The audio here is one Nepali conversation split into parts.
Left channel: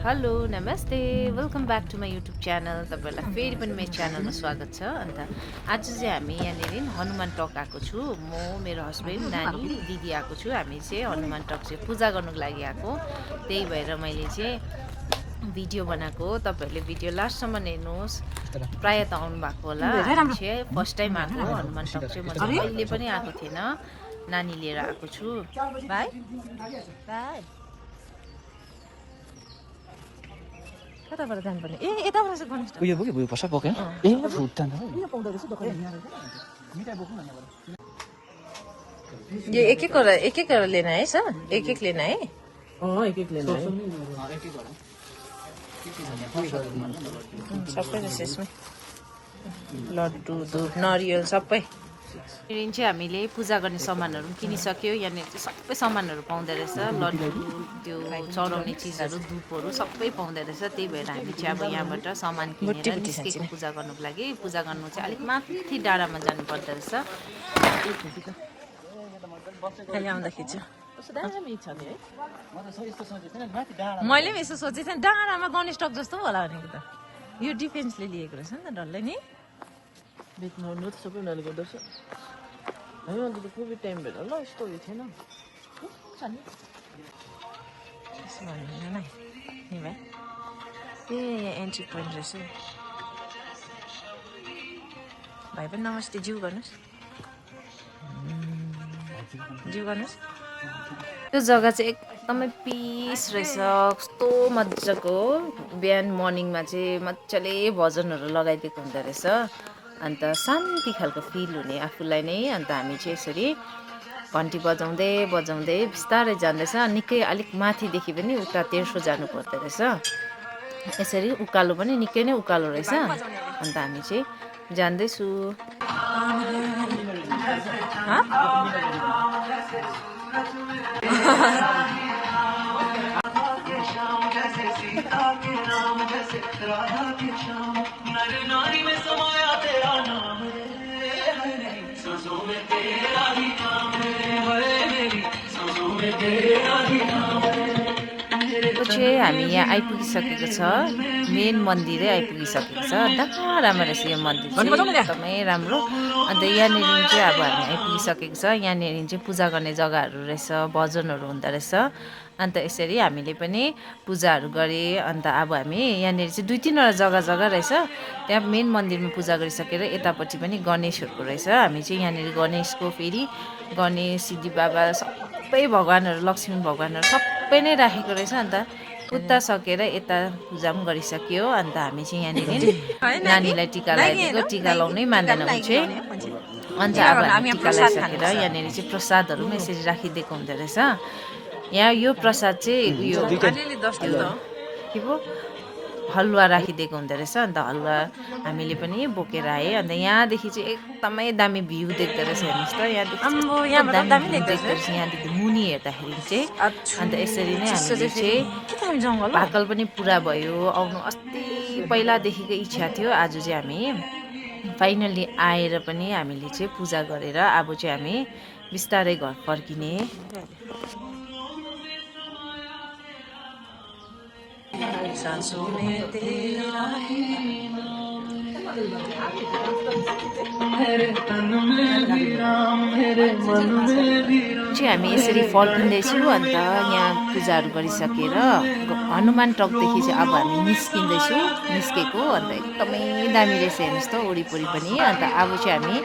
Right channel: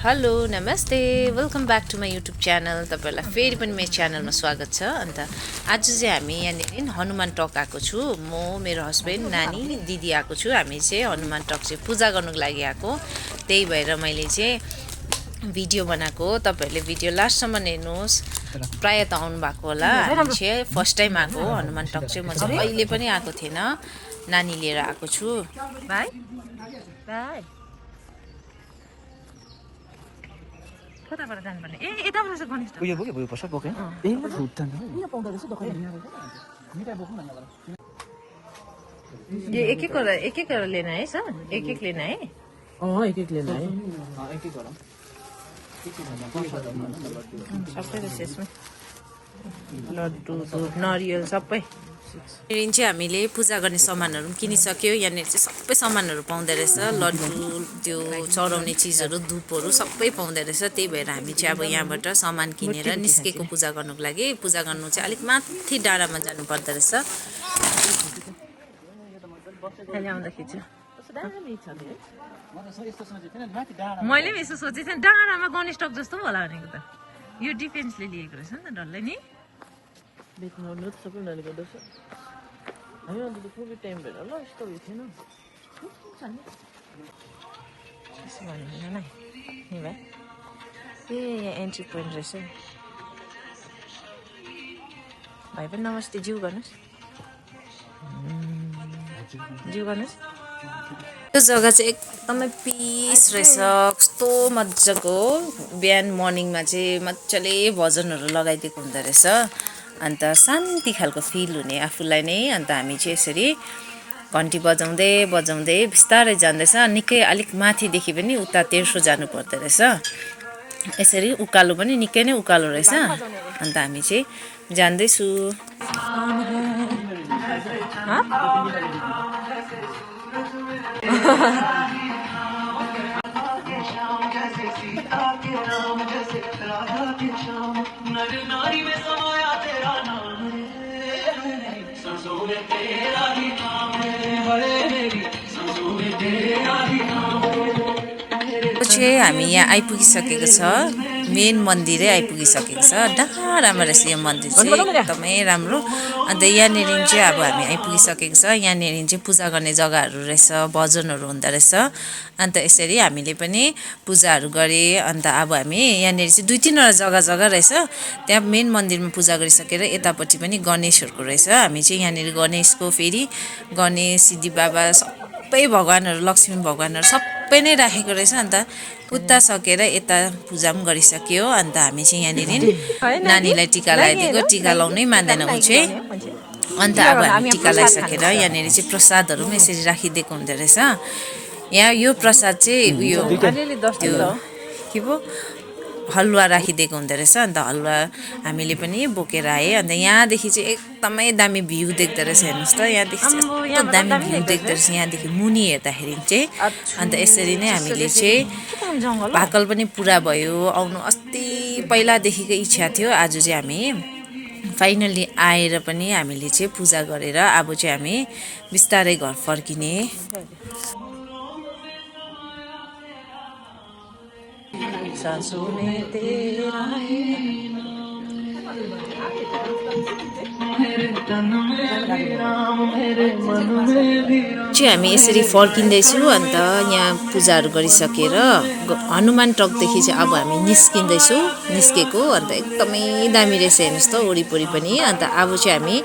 हेलो नमस्ते welcome back to my YouTube channel तपाईहरुलाई फेरि पनि मेरो च्यानलमा स्वागत छ। अन्त आज चाहिँ हामी यहाँनिर हनुमान टक आएको छु। म मेरो हस्बेन्ड नानी दिदी आएको छु। हामी चाहिँ हनुमान टक चाहिँ पूजा गर्नुको लागि आएको, त्यही भएर मैले चाहिँ भिडियो बनाएको। तपाईहरुले भिडियो लास्टसम्म हेर्नुहोस्। प्राय त आउनु भएको होला। हामी चाहिँ फर्स्ट टाइम आएको हनुमान टक चाहिँ। म चाहिँ कहिले पनि आएको थिएन, नानी लिएर आएको छु। बाइ बाइ कताबाट जानुपर्ने? यताबाट चाहिँ गणेश उयो पर्छ बोक्यो यो एक एक लेना है सर, एक लेना है। एक लेना है सबै रहेछ यसमा, लड्डु धुप नरियल सबै। यहाँनिर चाहिँ हामीले पूजा गर्ने सामानहरू पनि किनिसक्यो। यहाँनिर चाहिँ सबै सामानहरू पाउँदो रहेछ, लड्डु त्यो चढाउने चिजहरू धुपहरू सबै पाउँदो रहेछ। त्यही भएर हामी चाहिँ अब यहाँबाट सामान किनेर निस्केको पूजा गर्नुको लागि। पूजा गर्नु चाहिँ अलिक माथि डाँडामा जानु पर्दो रहेछ। अहिले आउँदाखेरि चाहिँ मैले पनि यसो सोचेको थिएँ, डाँडामा गणेश टक जस्तो होला भनेको त। यो डिफेन्सले लिएको रहेछ नि त डल्लै नि। एन्ट्री पोइन्ट रहेछ। भाइ पनि नमस्ते, जिउ गर्नुहोस्, जिउ गर्नुहोस्। यो जग्गा चाहिँ एकदमै पिस रहेछ, कस्तो मजाको। बिहान मर्निङमा चाहिँ मजाले भजनहरू लगाइदिएको हुँदो रहेछ। अन्त शान्ति खालको फिल हुने आफूलाई नै। अन्त हामी चाहिँ यसरी घन्टी बजाउँदै बजाउँदै बिस्तारै जाँदैछ। निकै अलिक माथिदेखि पनि उता तेर्सो जानु पर्दो रहेछ। यसरी उकालो पनि निकै नै उकालो रहेछ। अन्त हामी चाहिँ जाँदैछु। पछि हामी यहाँ आइपुगिसकेको छ, मेन मन्दिरै आइपुगिसकेको छ। डाँडामा रहेछ यो मन्दिर चाहिँ, एकदमै राम्रो। अन्त यहाँनिर चाहिँ अब हामी आइपुगिसकेको छ। यहाँनिर चाहिँ पूजा गर्ने जग्गाहरू रहेछ, भजनहरू हुँदो रहेछ। अन्त यसरी हामीले पनि पूजाहरू गरेँ। अन्त अब हामी यहाँनिर चाहिँ 2-3वटा जग्गा रहेछ। त्यहाँ मेन मन्दिरमा पूजा गरिसकेर यतापट्टि पनि गणेशहरूको रहेछ। हामी चाहिँ यहाँनिर गणेशको फेरि गणेश सिद्धि बाबा सबै भगवान्हरू, लक्ष्मी भगवान्हरू सबै नै राखेको रहेछ। अन्त उता सकेर यता पूजा पनि गरिसक्यो। अन्त हामी चाहिँ यहाँनिर नानीलाई टिका लगाइदिएको। टिका लाउनै मान्दैन ऊ चाहिँ। अन्त अब हामी टिका लगाइसकेर यहाँनिर चाहिँ प्रसादहरू पनि यसरी राखिदिएको हुँदो रहेछ। यहाँ यो प्रसाद चाहिँ उयो के पो हलुवा राखिदिएको हुँदो रहेछ। अन्त हलुवा हामीले पनि बोकेर आएँ। अन्त यहाँदेखि चाहिँ एकदमै दामी भ्यू देख्दो रहेछ। हेर्नुहोस् त, यहाँदेखि चाहिँ दामी भ्यू देख्दो रहेछ यहाँदेखि मुनि हेर्दाखेरि चाहिँ। अन्त यसरी नै हामीले चाहिँ भाकल पनि पुरा भयो आउनु। अस्ति पहिलादेखिको इच्छा थियो। आज चाहिँ हामी फाइनल्ली आएर पनि हामीले चाहिँ पूजा गरेर अब चाहिँ हामी बिस्तारै घर फर्किने। सांसों में तेरा चाहिँ हामी यसरी फर्किँदैछु। अन्त यहाँ पूजाहरू गरिसकेर हनुमान टकदेखि चाहिँ अब हामी निस्केको। अन्त एकदमै दामी रहेछ, हेर्नुहोस् त वरिपरि पनि। अन्त अब चाहिँ हामी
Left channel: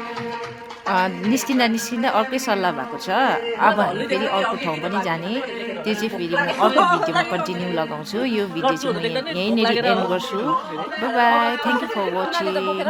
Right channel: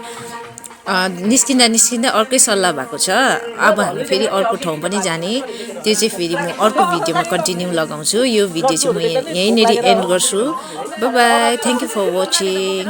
निस्किँदा अर्कै सल्लाह भएको छ। अब हामी फेरि अर्को ठाउँ पनि जाने। त्यो चाहिँ फेरि म अर्को भिडियोमा कन्टिन्यू लगाउँछु। यो भिडियो चाहिँ म यहीँनिर एन्ड गर्छु। Bye bye, thank you for watching.